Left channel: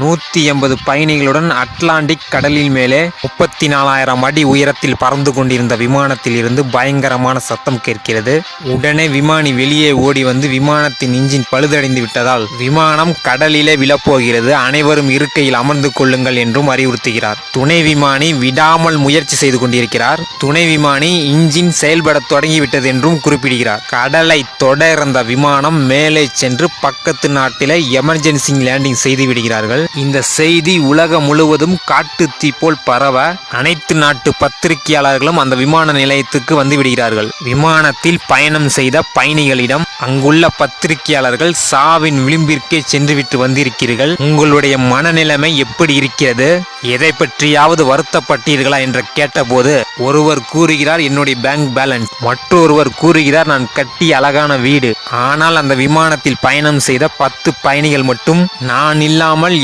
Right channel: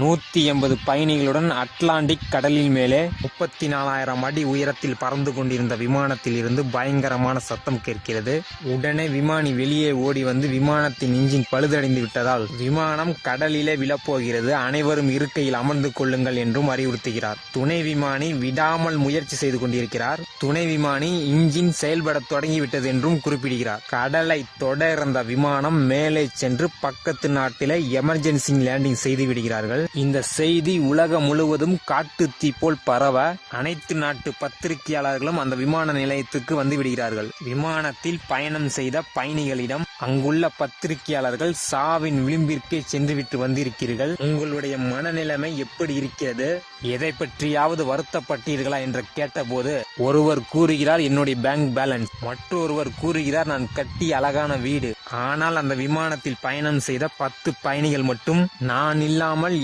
180 பயணிகளுடன் Atlantic கடலில் மேலே 34,000 அடி உயரத்தில் பறந்து கொண்டிருந்த விமானத்தில் இருந்து பயங்கரமான சத்தம் கேட்கிறது. உடனே விமானி வெளியே ஓடி வந்து விமானத்தின் இன்ஜின் பழுதடைந்து விட்டதால் விமானம் கடலிலே விழப்போகிறது, அனைவரும் இருக்கையில் அமர்ந்து கொள்ளுங்கள் என்றும் அறிவுறுத்துகிறார். துணை விமானி விடாமல் முயற்சி செய்து கொண்டிருக்கிறார். துணை விமானி இன்ஜின் செயல்பட தொடங்கிவிட்டது என்றும் குறிப்பிடுகிறார். கடலை தொட இருந்த விமானம் மேலே சென்று பக்கத்து நாட்டில் எமர்ஜென்சி லேண்டிங் செய்து விடுகிறார்கள். இந்த செய்தி உலகம் முழுவதும் காட்டு தீ போல் பரவ அனைத்து நாட்டு பத்திரிகையாளர்களும் அந்த விமான நிலையத்துக்கு வந்து விடுகிறார்கள். விமானத்தில் பயணம் செய்த பயணிகளிடம் அங்குள்ள பத்திரிகையாளர்கள் சாவின் விளிம்பிற்கே சென்றுவிட்டு வந்திருக்கிறீர்கள், உங்களுடைய மனநிலைமை எப்படி இருக்கிறது, எதை பற்றியாவது வருத்தப்பட்டீர்களா என்று கேட்டபோது ஒருவர் கூறுகிறார் என்னுடைய பேங்க் பேலன்ஸ், மற்றொருவர் கூறுகிறார் நான் கட்டி அழகான வீடு. ஆனால் அந்த விமானத்தில் பயணம் செய்த 10 பயணிகள் மட்டும் நான் இல்லாமல்